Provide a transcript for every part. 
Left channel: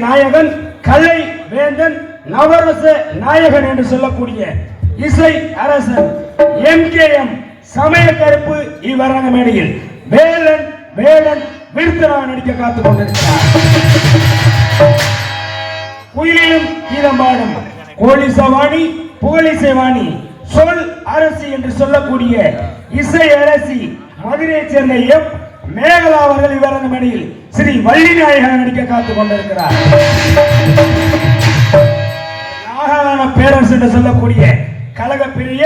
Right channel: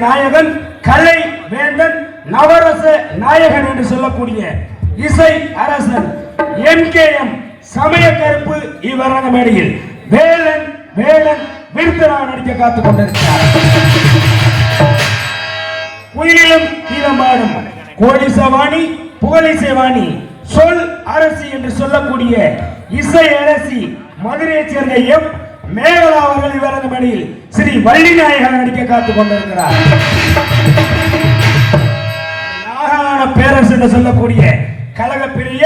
நாயகன் கலை வேந்தன் நவரச நாயகன் என்று சொல்லக்கூடிய இசை அரசன் எம் சமய கருப்பு இவ்வரங்க மேடையில் வேலன் வேலன் விருத்தனா நடிக்க காத்துக் கொண்டிருக்கிறார். குயிலும் தீரமாடும் கோடிசவாணி புகழிசைவாணி சொல் அரசி என்று சொல்லக்கூடிய இசை அரசி மதுரையைச் சேர்ந்த எம் மேகலா அவர்கள் இவரது மணியில் ஸ்ரீ வள்ளி நாயகர் நடிக்க காத்துக் கொண்டிருக்கிறார். நாகலான பேரரசு என்று சொல்லக்கூடிய கழக பெரிய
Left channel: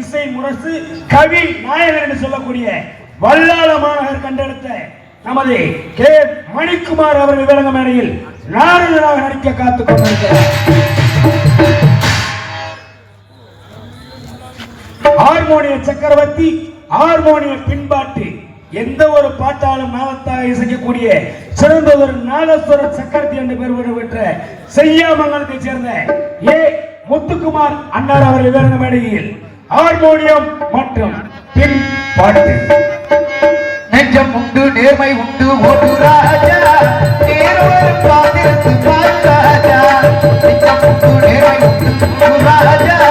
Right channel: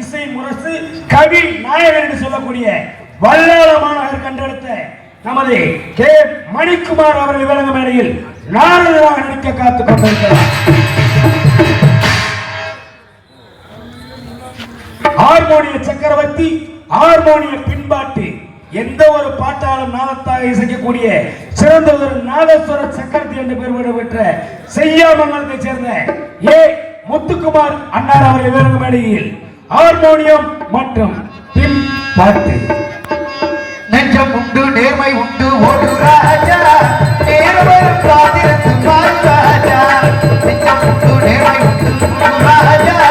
இசை முரசு கவி நாயகர் என்று சொல்லக்கூடிய வல்லாளமாக மாநகர் கண்டெடுத்த நமது கே. மணிக்குமார் அவர்கள் விவரங்க மேடையில் நாரதராக நடிக்க காத்துக் கொண்டிருக்கிறார். ஹார்மோனிய சக்கரவர்த்தி ஹார்மோனிய பின்பாட்டு எந்த ஒரு பாட்டாலும் நாதத்தாக இசைக்கக்கூடிய சிறந்த ஒரு நாதஸ்வர சக்கரத்தி என்று பெயர் பெற்ற செய்யாமங்கலத்தைச் சேர்ந்த ஏ முத்துக்குமார் அண்ணார் அவர்கள் விவரங்க மேடையில் ஹார்மோனியம் மற்றும் பின் பாட்டு. நெஞ்சம் உண்டு நேர்மை உண்டு ஒரு ராஜா. நேர்மை காதிருத்து பார் ராஜா. நெஞ்சம் உண்டு நேர்மை உண்டு ராஜா.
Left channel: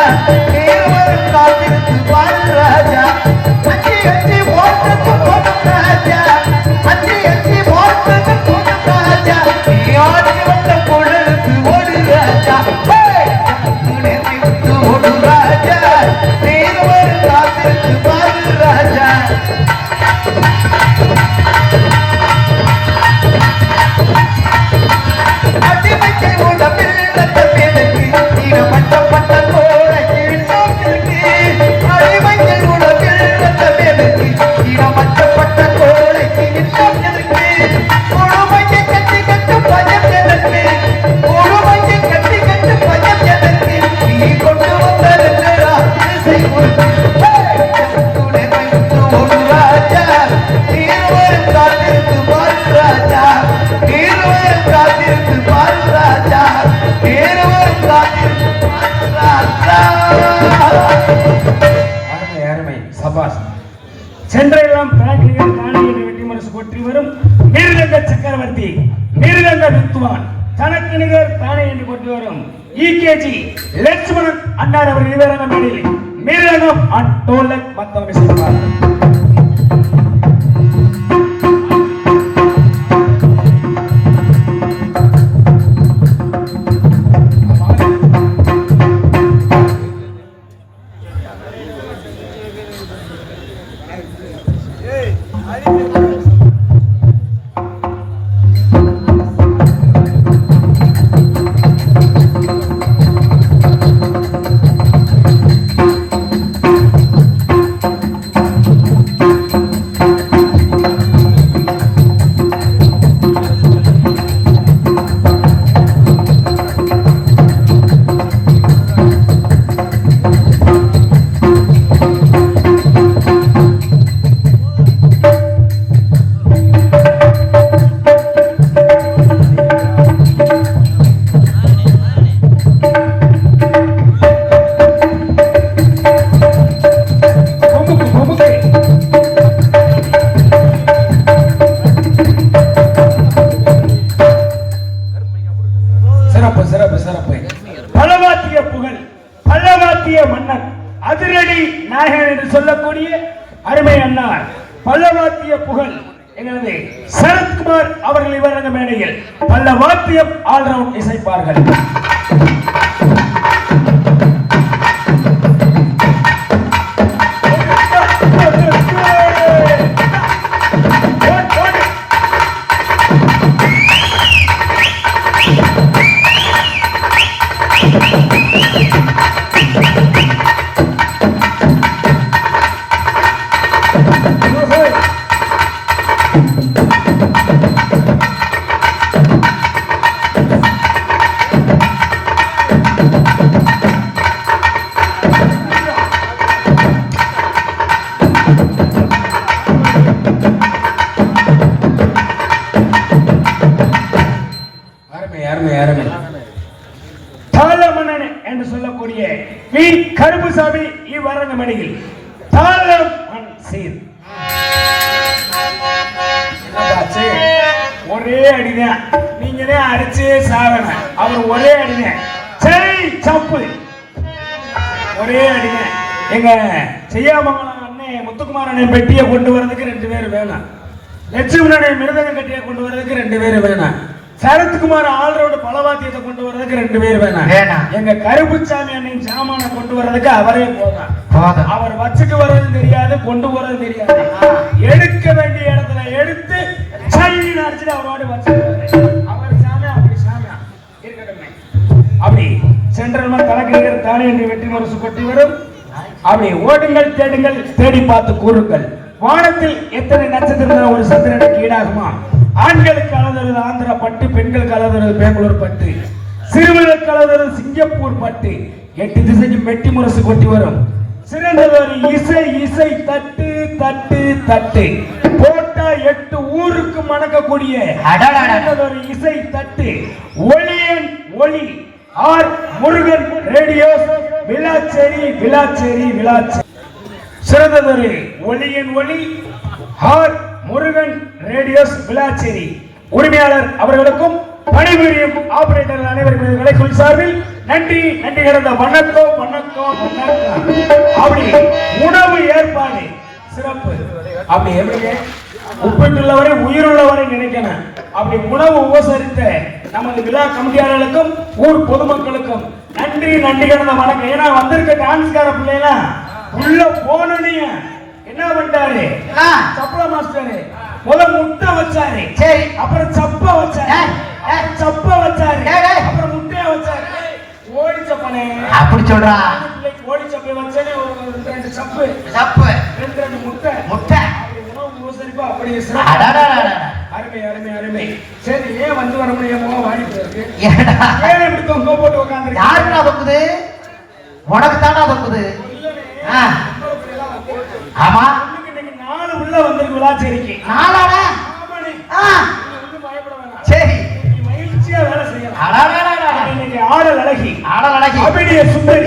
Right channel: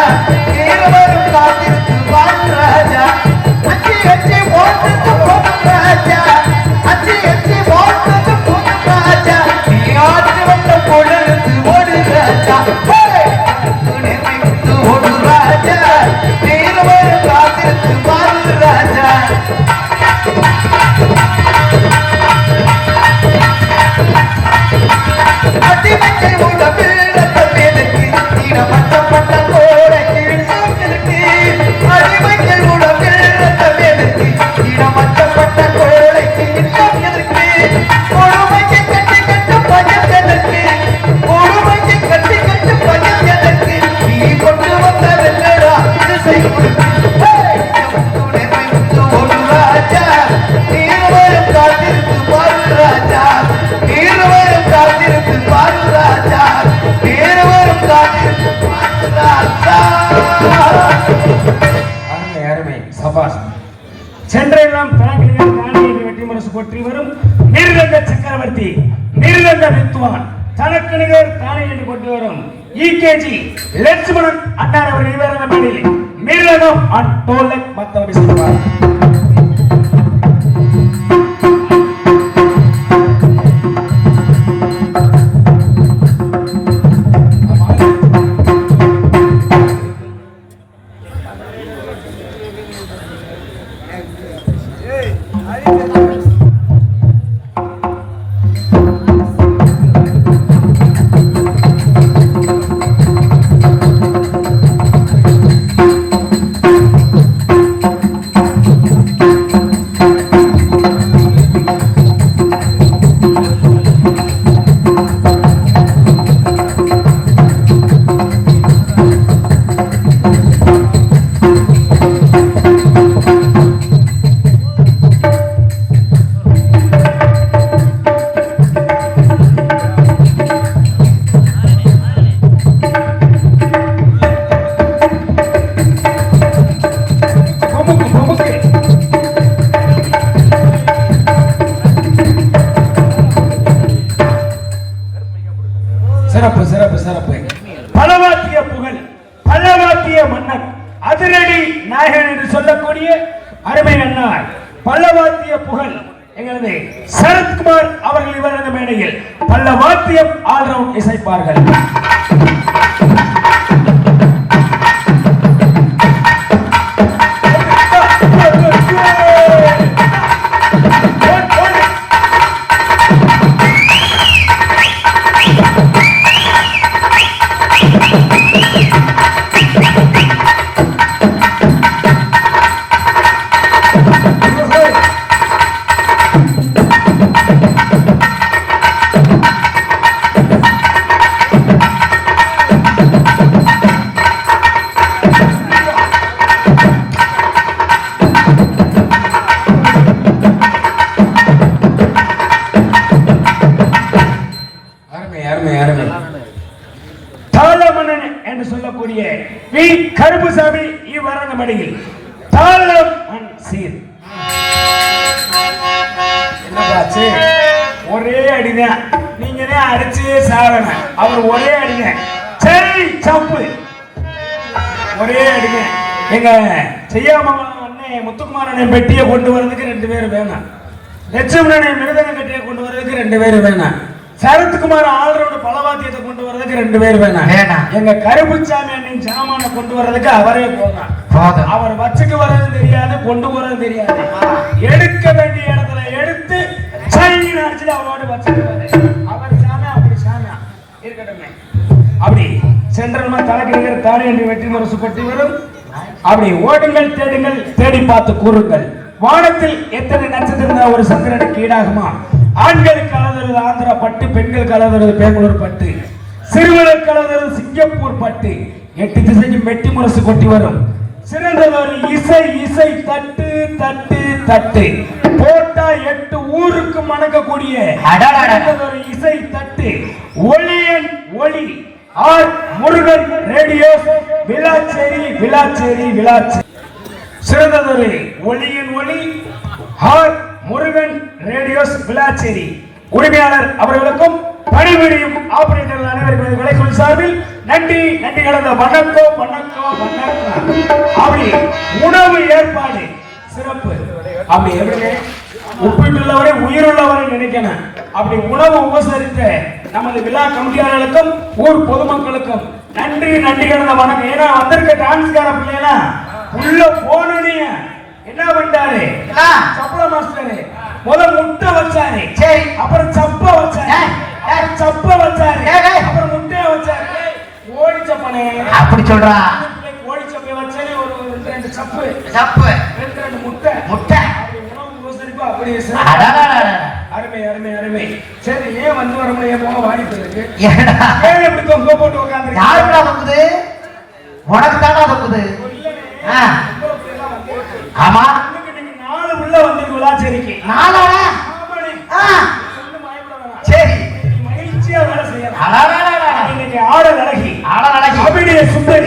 நல்ல வாத்தியம் ஆல்ரவுண்ட் இசைப்பார்கள். பெட்டியை கொண்டு வர்றதுக்கு ரெண்டு பேர் வேணும் லட்சுமணன் அண்ணன் மிருதங்க கட்டியை கொண்டு வர்றதுக்கு ரெண்டு பேர் வேணும் சரத்குமார் ஆளரோட பலவாத்தியத்தை கொண்டு வர்றதுக்கு ரெண்டு பேர் வேணும். எங்க கருப்புச்சாமி அண்ணன் சாமான கொண்டு வர்றதுக்கு அவரே போதும் அவர் வச்சுட்டு வர்றதும் தெரியாது கொண்டு போறதும் தெரியாது. எடுக்க வேண்டிய இடத்துல எடுத்து அடிச்சுட்டு அவரோட வச்சுட்டு அவர் சாமி அப்படி சாமி. இருக்கட்டுமே. அப்படி சென்றமா தலைக்கிறீர்கள் தானே என்று முரசு பற்றி வரும். அப்படி ஓடுங்கள் தேடுங்கள் தேடி பார்த்து கூறுங்கள். வானத்தில் எத்தனை நட்சத்திரம் ஒரு சந்திரனுக்கு ஈடாகுமா ஆண்களுக்கு அழுதுறது ஆந்திரா பட்டு பெண்களுக்கு அழுதுறது பெங்களூர் பட்டு சிறுவனுக்கு அழுதுறது சிங்கப்பூர் பட்டு. எட்டு திசைக்கு மெட்டி முரசு கொட்டி வரும். சிறந்ததொரு இசை இசை தட்டு தட்டு தட்டு. போட்டா எட்டு ஊருக்கு மணக்கக்கூடிய அடடடட. சிறந்ததொரு இசை தட்டு ஒளியன் ஒளி ஆர் முருகன் ரேடியோ விளாச்சேரி விளாச்சேரி சிறந்ததொரு ஒளியின் ஒளி ஹார் முருகன் ரேடியோஸ் விளாச்சேரி. உரிமையாளர் அவர்களுக்கும் பணிபுரியும் ஆபரேட்டர் அனைவருக்கும் விலைக்குள் சார்பில் நன்றி நன்றி கடந்த வணக்கம் வணக்கம் அப்படி உணவு ஏற்பாடு சிறப்பு. அப்படி எப்படி உப்பிட்டுள்ளவரை உயிருள்ளவரை நினைக்கணும். அப்படி உணவு உபசரித்த நமது விழா கமிட்டியாளர்களுக்கும் ஊர் பொதுமக்களுக்கும் நன்றி நன்றி கடந்த வணக்கம் ஏன்னா வந்திருக்க டான்ஸ்கார பிள்ளைலாம் உள்ள போனோடனே என்ன பண்ணிட்டாரு? ஆ. சப்பள மாஸ்டர். முத முட்டை வச்சாரு. சரி. அப்புறம் சப்ப வச்சாரு. சப்ப வச்சாரு. அப்புறம் முட்டைய வச்சாரு. ஓடி சப்பானே. அப்படி சொல்றா. ஓடி சப்பை வச்சாரு. ஒரு ரெண்டு சப்பு. தப்பு ரெண்டு ரெண்டு முட்டை. முட்டை. அப்படி. அருமை அருமை அருமை. சரி ஏன் வந்து என் முகம் வாடிட்டு இருக்கு? ஏன் தொங்க போட்டு அழகி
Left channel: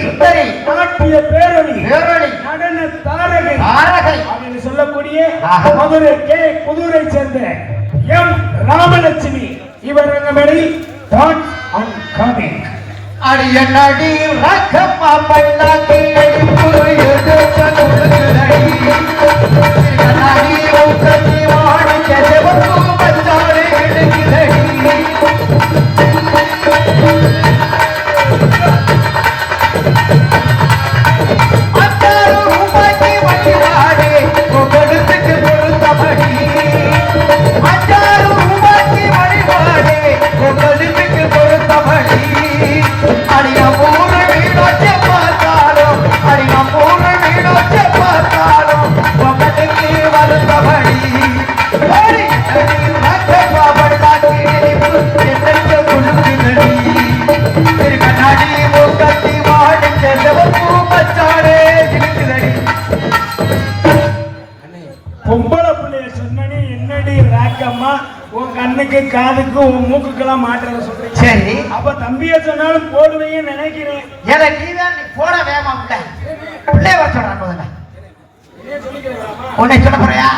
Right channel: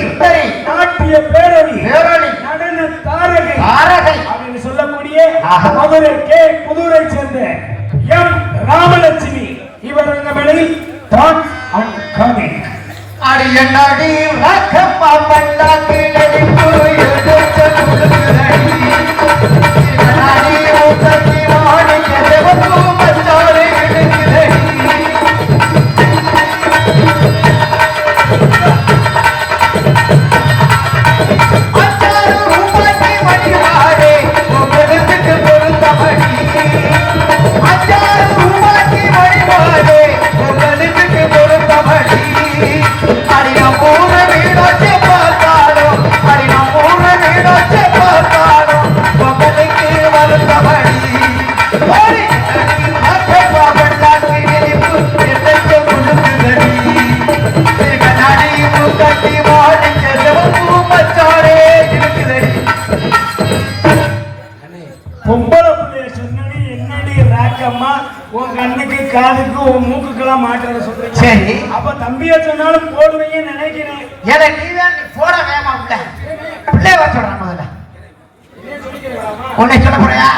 உன்னை சொல்ல போறியா?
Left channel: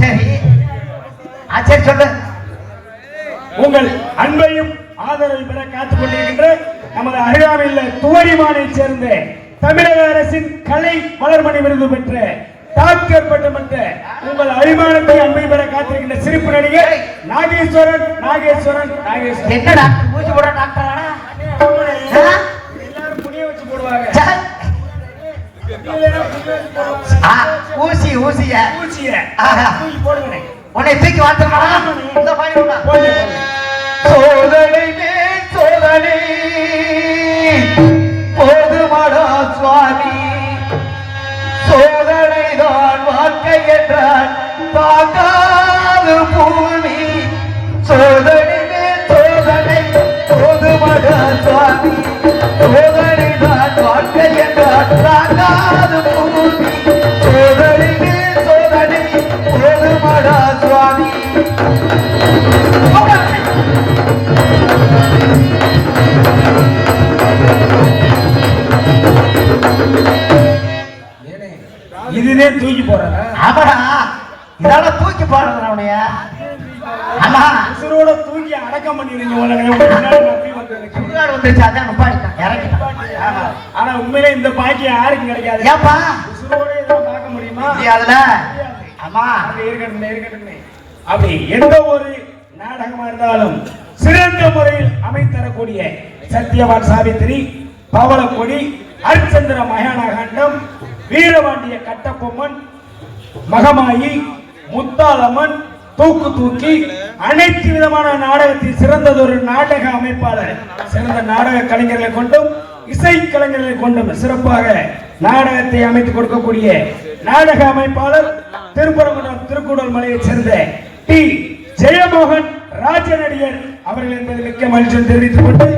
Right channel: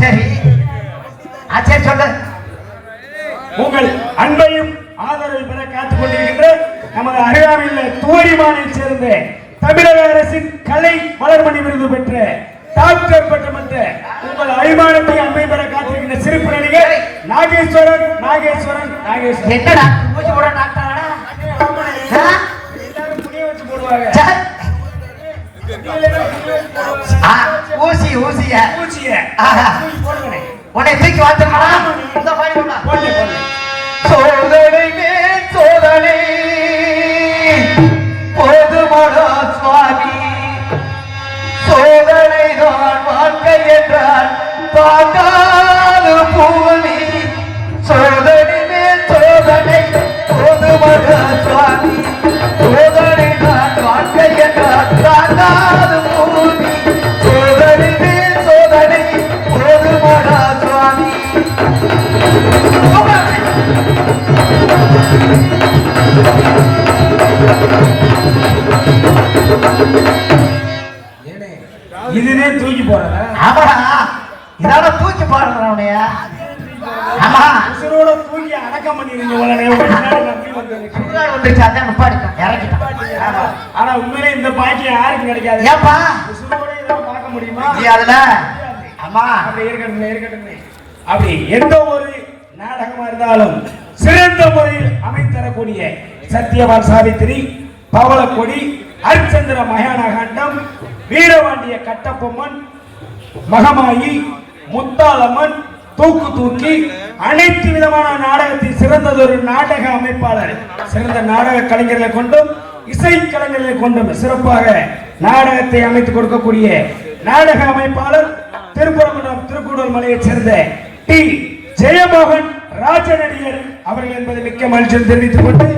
சரி. ஆ சரி சொல்லு. உங்கள் அன்பையும் ஆதரவை பெற காத்துக் கொண்டிருக்கின்ற நமது அருகாமையில் துவரிமானை சேர்ந்த தமிழக அரசின் கலை வளர்மணி விருது பெற்ற டாக்டர் பட்டமன்ற உங்கள் அபிமானத்தை அன்பை பெற காத்திருக்கின்ற சிறப்பு நடிகர் நாகேஸ்வரன் நாகேஸ்வரன் நாகேஸ்வரன். என்னடா மூச்சு போட டாக்டரானா ஆ? எல்லாரும் துணியை வச்சு போடுவாங்க. ஊசி ஊசிய. போடுவேனே உன்னை தூக்கி உள்ள. போட்டு ஆனா ஆனா உண்மையிலே இந்த பாக்கியம் யாருக்கும் கிடைக்காது. ஏப்பா? உசுரோட இதெல்லாம் பார்க்க முடியுமா? முடியாதுல ஆமா. அப்படி இருக்கட்டும் இருக்கட்டும். அப்படி எந்த ஒரு நாடகமா இருந்தாலும் சிறந்த முறையில் அமைத்தரக்கூடிய சத்யவான் சாவித்திரி பவளக்கொடி ஹரிச்சந்திர மகானகாண்டம் வீரபாண்டிய கட்டபொம்மன் மகமாயி முத்தாளம்மன் தூக்கு தூக்கி அனைத்து விதமான நாடகத்தில் சிறந்ததொரு நாடக அமைப்பாளர் சிறந்த நாடக கலைஞர்களை கொண்டும் இசை கலைஞர்களை கொண்டும் சிறப்பாக நாடகத்தை அமைத்துக் கொடுக்கக்கூடிய நாடக அமைப்பாளர் திருப்பரங்குன்றம் திருக்குடல் மலையைச் சேர்ந்த டி. ஜெயமோகன் ராஜநடிகர் அவர்கள் என்பதை மிக்க மகிழ்ச்சியில் தெரிவித்துக் கொண்டு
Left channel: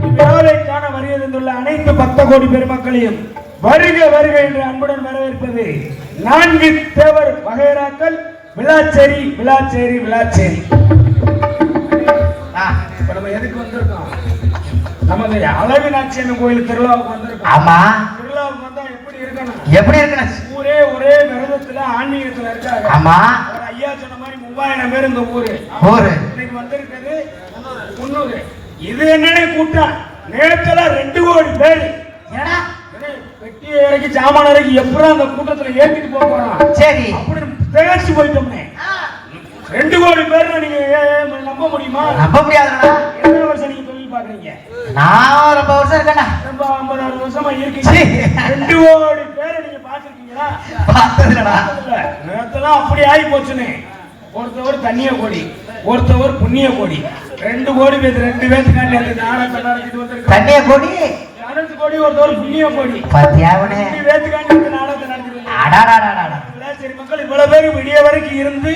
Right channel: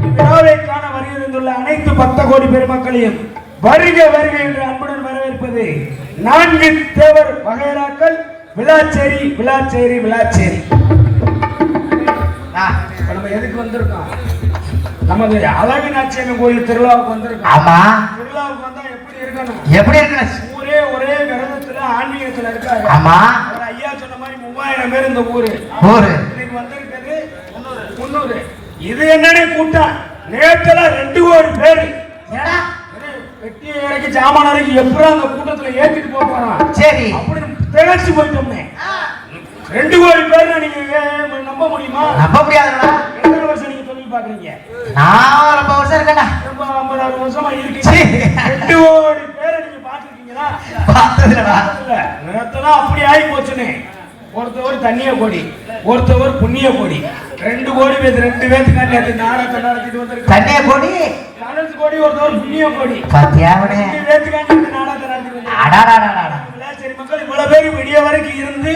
இவ்விழாவை காண வருகின்றுள்ள அனைத்து பக்த கோடி பெருமக்களையும் வருக வருக என்று அன்புடன் வரவேற்பது நான்கு தேவர் வகையராக்கள். விளாச்சேரி விளாச்சேரி விளாச்சேரி. எதுக்கு வந்திருக்கோம்? நமது அழகினாட்சியம்மன் கோயில் திருவிழாவுக்கு வந்திருக்கோம். ஆமா. திருவிழாவுக்கு வந்தா எப்படி இருக்கணும்? எப்படி இருக்கணும்? ஊரே ஒரே விரதத்துல ஆன்மீகத்துல இருக்காங்க. ஆமா. ஒரு ஐயா சொன்ன மாதிரி மூவாயிரம் பேர் இந்த ஊரு. ஊரு. இன்னைக்கு வந்திருக்கிறது முன்னூறு. இது என்னடி கூட்டம்? நேத்துல ரெண்டு கோடி பேர். ஏடா. வெட்டி வரைக்கும் ஜாமான வரைக்கும் எப்படி அந்த கூட்டத்துல ஏத்திட்டு போறோம் சரி. திகழ்ச்சி போயிட்டோமே. ரெண்டு கோடி பேர் நீங்க நம்ப முடியுமா? நம்ப முடியாதுடா. எத்தனை வருஷம் நீங்க தொழில் பாக்குறீங்க நான் ரொம்ப வருஷம் இருக்கேன்டா. ரொம்ப ஐம்பது அறுபது வருஷமா இருக்கீங்க. ரெண்டு கோடி பேர் நீங்க பாத்துருக்கீங்களா பார்த்ததுலடா நேரத்தெல்லாம் அப்படி ஆகி போச்சுன்னு. ஒருத்தவர் தண்ணிய கோடி ஒருத்தவர் புண்ணிய கோடி. ரெண்டு கோடி பேர் ரெண்டு பேர்த்துக்காண்டி அந்த நாடகம் நடத்திட்டு தண்ணிய கொடி? கோடி ஒருத்தவர் புண்ணிய கோடி. பாத்தியாவனே ரெண்டு பேர்த்துக்காண்டி அந்த நாடகத்தை நடத்திட்டு பேர் விடிய வரைக்கும் இருந்து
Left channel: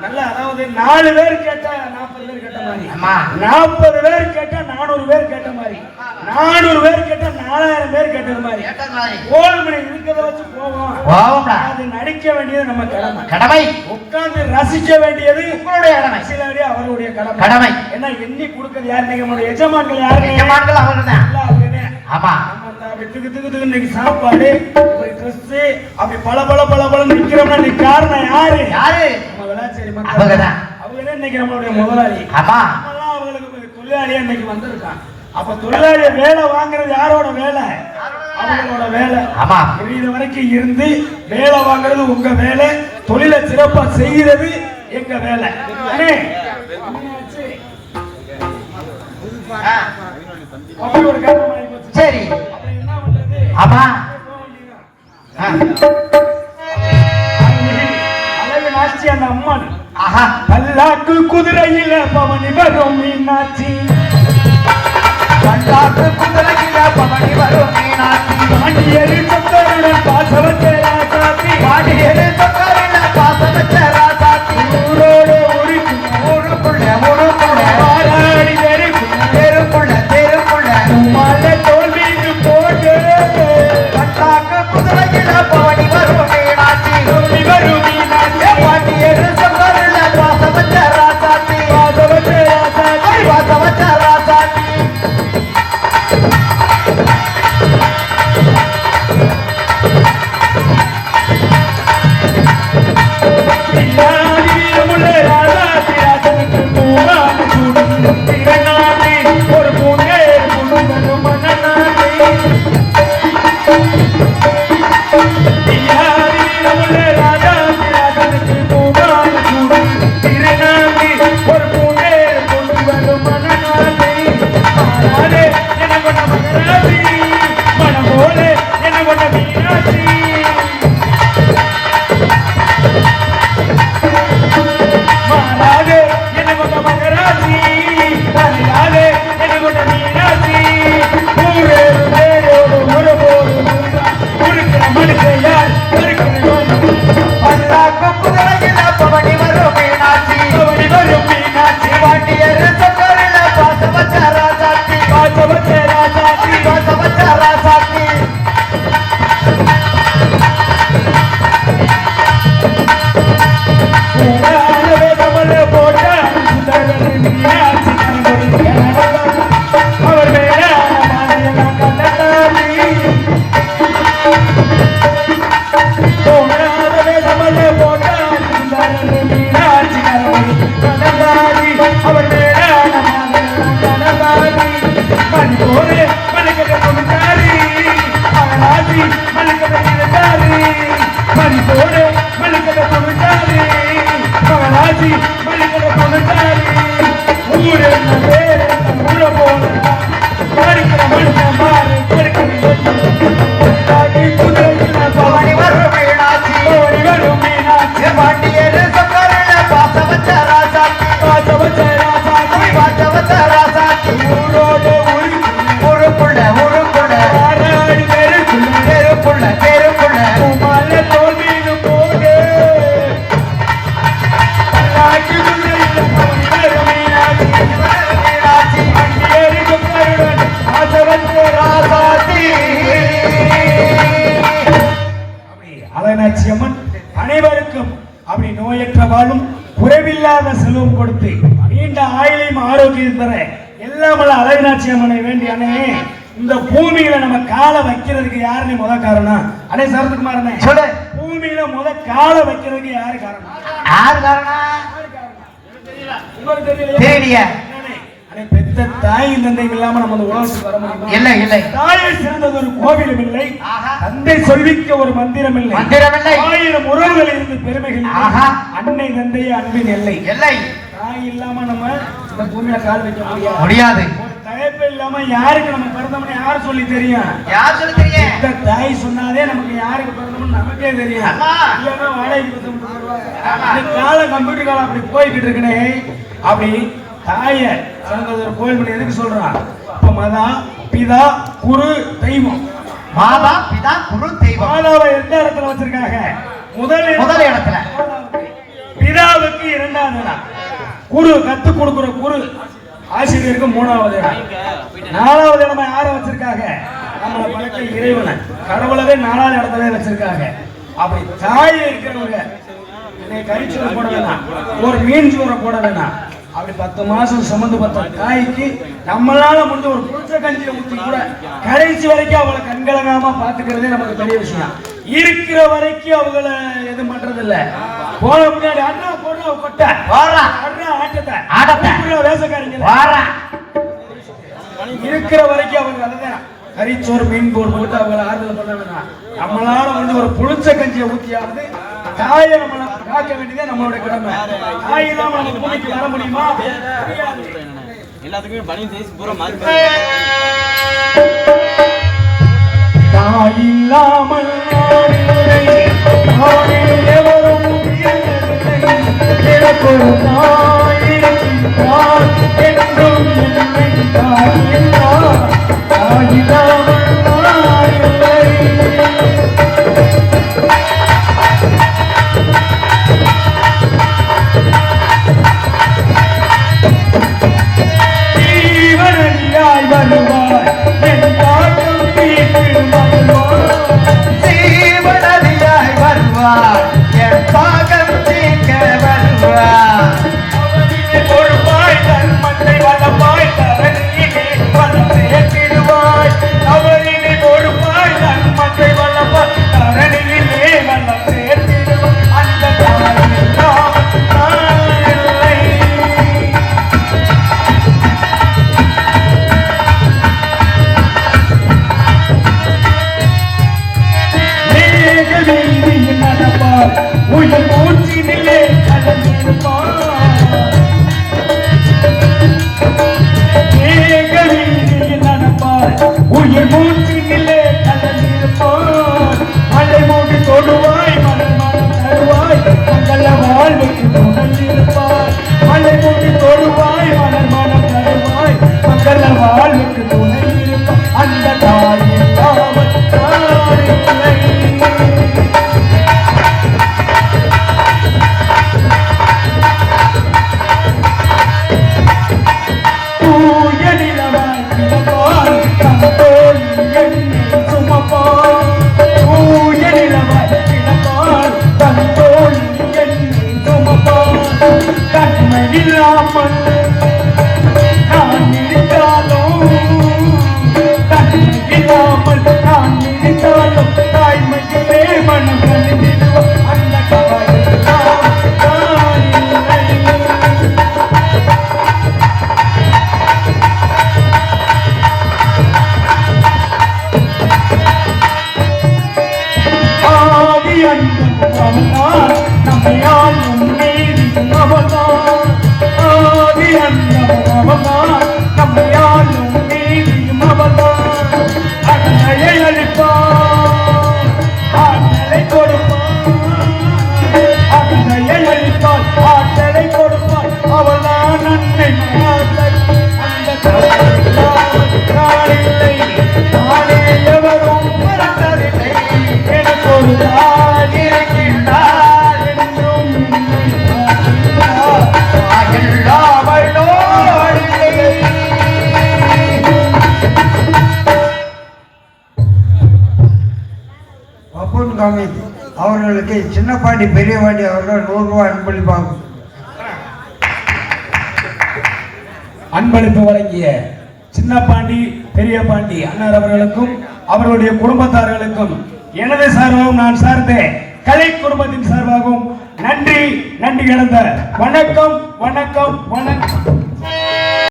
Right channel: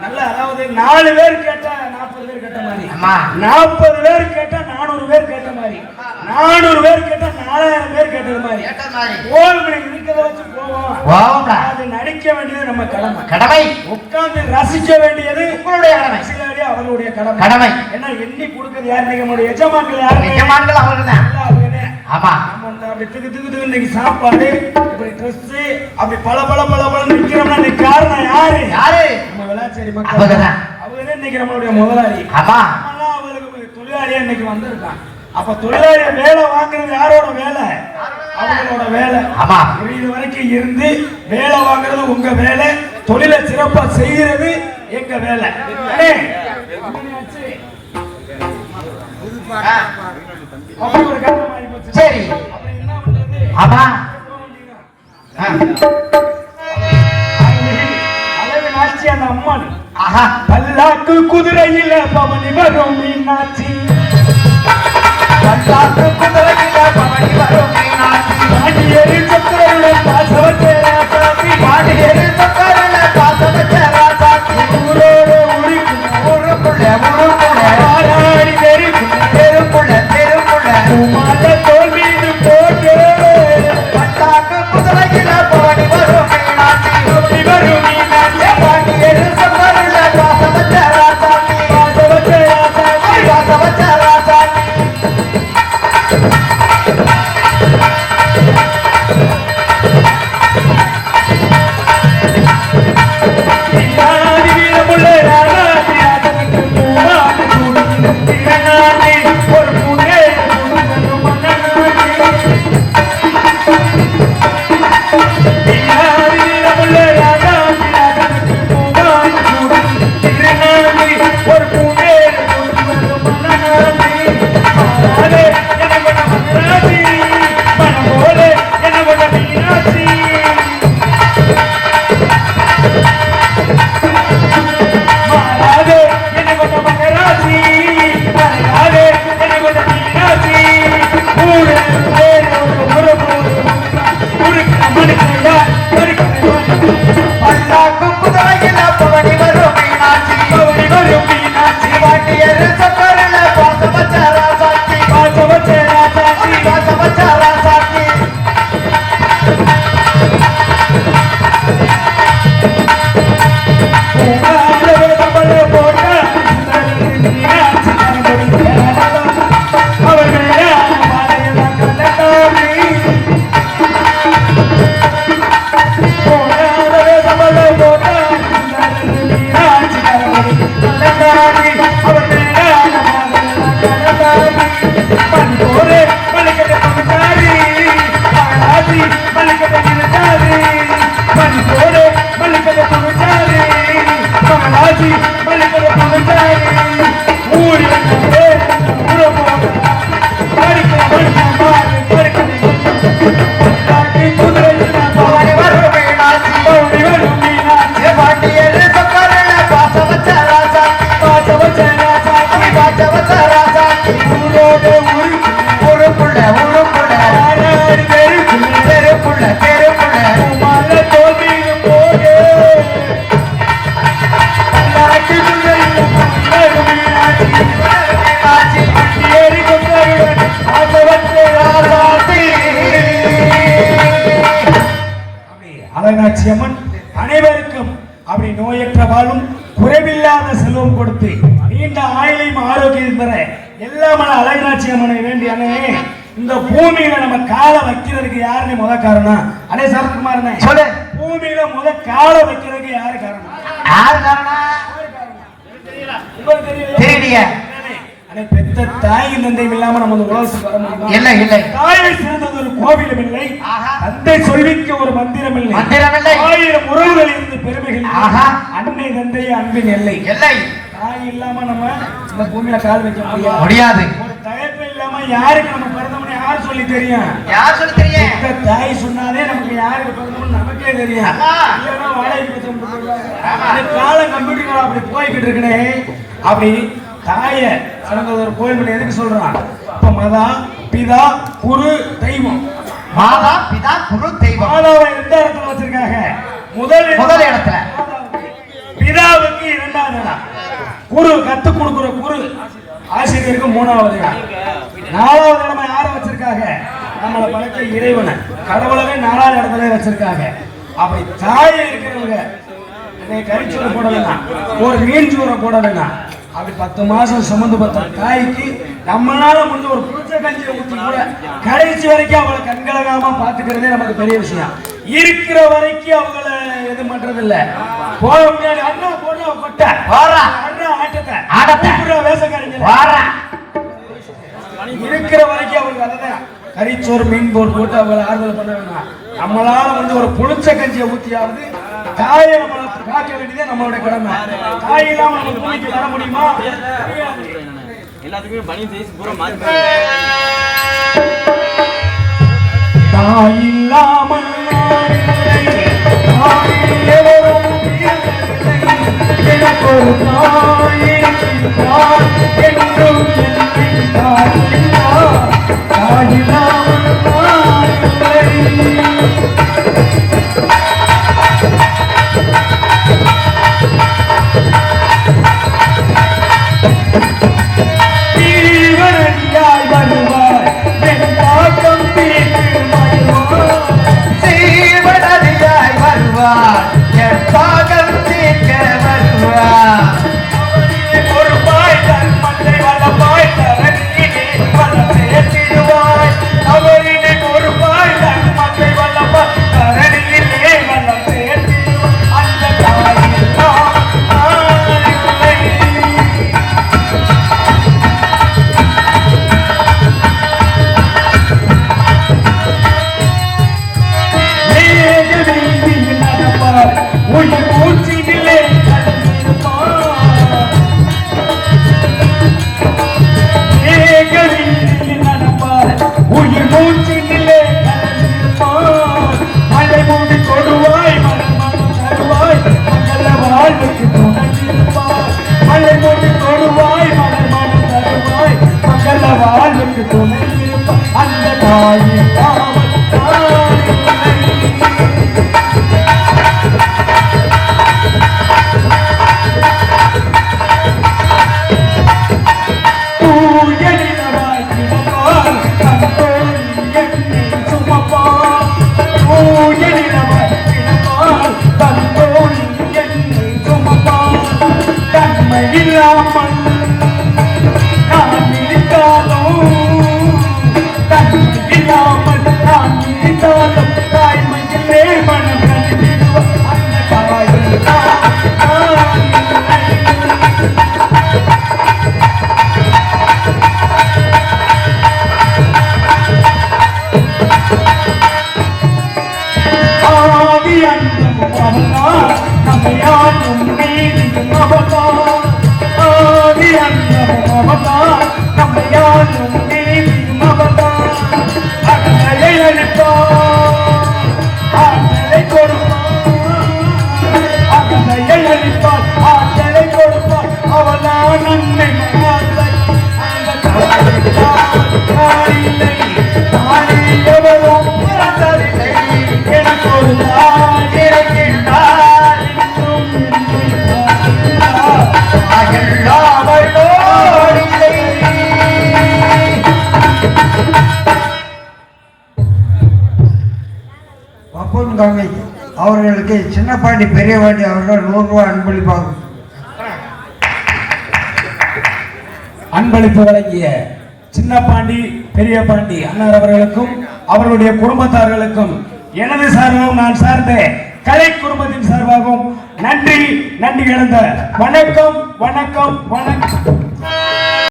நல்லா அதாவது நாலு பேர் கேட்டா நாற்பது பேர் கேட்ட மாதிரி. நாற்பது பேர் கேட்டா நானூறு பேர் கேட்ட மாதிரி. நானூறு பேர் கேட்டா நாலாயிரம் பேர் கேட்டது மாதிரி. ஓல்மணி இருக்கிறத வச்சு போவோம். அது நடிக்க வேண்டியது நம்ம கடமை. கடமை. உட்கார்ந்து ரசிக்க வேண்டியது உங்களுடைய கடமை. அவருடைய கடமை. கடமை. ஏன்னா எண்ணி கொடுக்கிறது யாரு நம்மளுடைய எஜமான்கள் யாரு எஜமான்கள் அவங்கதான். ஆமா திக்கு திக்கு திக்கு இன்னைக்கு சாப்பாடு. ட்ரெஸ் அப்படி பல பல பல பல நிக்கிறோம்னா இன்னைக்கு காரணம் யாரு? யாரு? நம்ம விளாச்சேரி மக்கள். அவங்க இன்னைக்கு நம்மளுடைய முதலாளி. அவங்களுக்கு தொழிலாளியா இன்னைக்கு வந்திருக்கான் அப்ப தொழிலாளிய வேலை வாங்குறது யாரோட வேலை? அவங்களோட வேலை. இது வரைக்கும் இருந்து வேலை வாங்குறது உங்க வேலை. தொழிலை சிறப்பா செய்கிறது எங்க வேலை. சரி. குதிரையில பவனி வரும் மீனாட்சி அல்லாஹ் குதிரையில பவனி வரும் மீனாட்சி. பாண்டியரு சக்கரையில பாசவத்தை ராசாத்தி பாண்டியரு சக்கரையில காசு வச்ச ராசாத்தி. ஊரோட உரிக்கும் ஊருக்குள்ள ஊருக்குள்ள ஆராடி நெருக்கும் தெருக்குள்ள தெருக்குள்ள மாத தோல் ஊராலே கமல வெள்ளாமல அழகனாட்சி அம்மனை வேண்டி அண்ணே இந்த பூமியில நம்ம காலை வைக்கிறதுக்கு யாருன்னு முத காரணம்? அண்ணே சரத்குமாரனே. சொல்லு. பூமியில முத காலை வைக்கிறதுக்கு யாரு காரணம்? அண்ணே, பெத்த தந்தையும் இல்லாம நம்ம? இல்லை இல்லை. தாயை சிறந்தது ஒரு கோவிலும் இல்லை. தந்தை சொல்விக்க ஒரு மந்திரம் இல்லை. ஆயிரம் இருந்து பெருமைகள் இல்லை. ஆஹா. அன்னை தந்தை அன்பின் எல்லை. இல்லை தாய் இல்லாம நம்ம இந்த பூமியில கால் வைக்க முடியாது. தயப்பு இல்லாம யாருக்கு நம்ம பிறந்தோம்னு யாரு சொல்லி தெரியும்? யார் சொல்றீங்க இந்த தாய் சொன்னாலே நமக்கு யாருக்கு பிறந்தோம்னு நமக்கே தெரியும். இல்லைன்னா வாடகைக்கு போடுவாங்க. இந்த கம்ப்யூட்டர் காலம் அப்படி போய்கிட்டு இருக்குனே அப்படி தாய சிறந்தது ஒரு கோயில் எதுக்கு சொல்றான்? இப்ப மதா பிதா குரு தெய்வம். மாதா பிதா குரு தெய்வம். மாதாவை எந்த இடத்துல வச்சிருக்காங்க? முதல் முதல் இடத்துல. பிதாவுக்கு இரண்டாவது இடம். குரு கத்து கொடுக்கிற குரு ஆசிரியருக்கு மூணாவது நாலாவது இடமா யாரை வச்சிருக்காங்க? நம்மளை படைத்த இறைவனை. கடவுளவே நாலாவது இடத்துல வச்சிருக்காங்க. அப்படி தாய் இருக்கிறவங்க. போட வேணாம் ஒரு மீன் சோறை போட வேணாம் அப்படி பத்து மாசம் சுமந்து பார்த்த தாய்க்கு நம்மளால முடிஞ்ச ஒரு புளிச்ச கஞ்சியை ஊற்றி கூட கடைசி வரைக்கும் அவளை கண்கலகாம பாத்துக்கிறதே நமக்கு பெரிய விஷயம். இருக்கிற வரைக்கும் அவங்கள இது பண்றது இல்ல போன முன்னாடி இருக்கிற வரைக்கும் அவங்க அதுதான் கறிச்சோறு மீன் போட்டு போட்டு அவங்களை ஆறுதல் பண்ண நம்மளால வந்து ஒரு புளிச்ச கஞ்சியை ஊத்தியாவது தாயை காக்க வேண்டியதே நம்மளுடைய கடமை. தாய் இல்லாம வர முடியுமா? எல்லாத்துக்குமே சைஸ் பூரா மாறி மாறி தாய் இல்லாமல் எனக்கு ஒரு அன்பளிப்பாகும் அன்பளிப்பு வழங்கிய சின்ன பாண்டி பெரிய பாண்டி அண்ணன் அவர்களுக்கும் அவர்களுடைய குடும்பத்தார்களுக்கும் எனது சார்பாகவும் நான் சார்ந்த கலை குடும்பத்தின் சார்பாகவும் நன்றி நன்றி இழந்த வணக்கம் வணக்கம் வணக்கம்.